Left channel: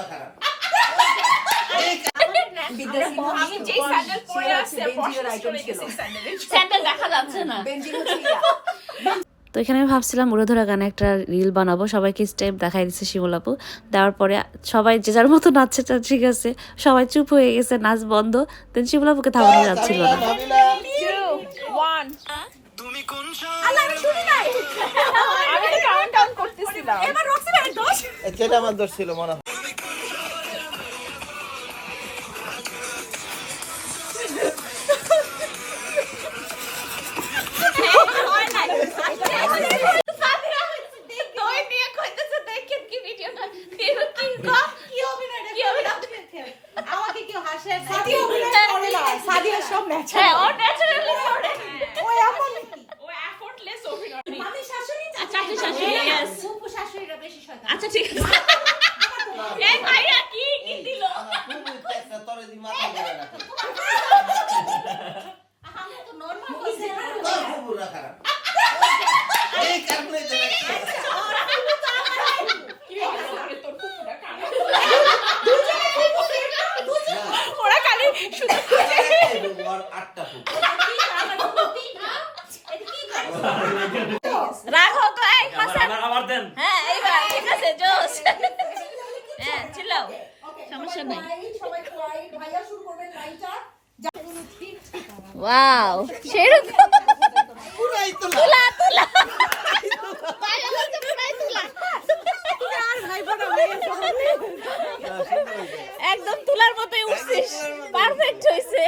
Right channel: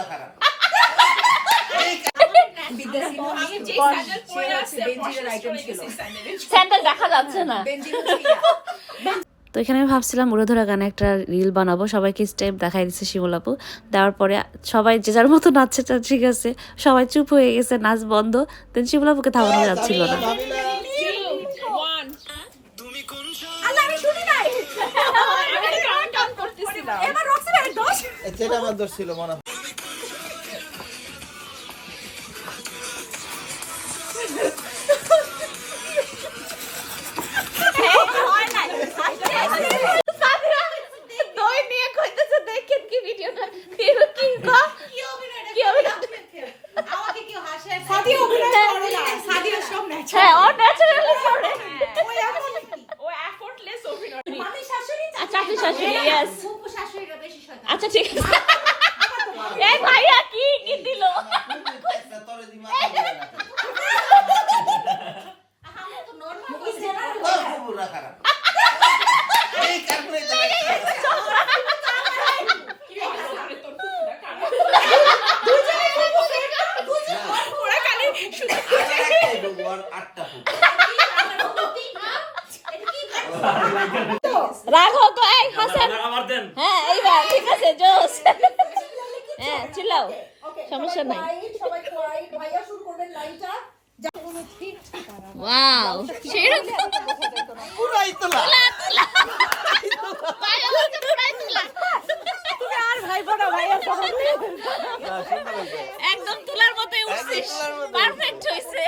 পুরা খারাপ। আমি যে স্যান্ডেল পরে আসছি পড়াশোনা করে স্যান্ডেল দেখা যাচ্ছে না। তো এখানে আমি ভাবছিলাম উড়োধরা গানে একটা রিল বানাবো সবাইকে স্টেপ দেখাই দিচ্ছে শিমুলাপু দেওয়ার পরে সবাই যে যার মতো নাচছে তা ঠিক আছে সবাই চুপ হয়ে গেছে নাচ বন্ধ দেন শিমুলাপুকে থামানো যাচ্ছিল না। ওয়ান আল্লাহ আমি শুনি নাই। আমি কাউন্ট ডাউন করতেছিলাম। এবার রক্সি ভাই দোষ? সেটা আমার দোষ ছিল মনে আচ্ছা, আচ্ছা ঠিক আছে। এই ভাইয়া কি কি দিল আমার খুবই একটা তরে দি মাথা ধরে রাখে আমি তো নরমাল তোর পুরা খারাপ এই কারণে তো ওরা খালি আটটা রাখো তো এক আবার দেন হ্যাঁ এইবার ঠিক আছে জোস হ্যাঁ চিল্লাও সমস্যা নাই সবাই ভাইয়া শুরু করবেন লাইনটা ওয়াও সেরকম একদম তুলার মতোই উঠছিস। পারফেক্ট হয়েছে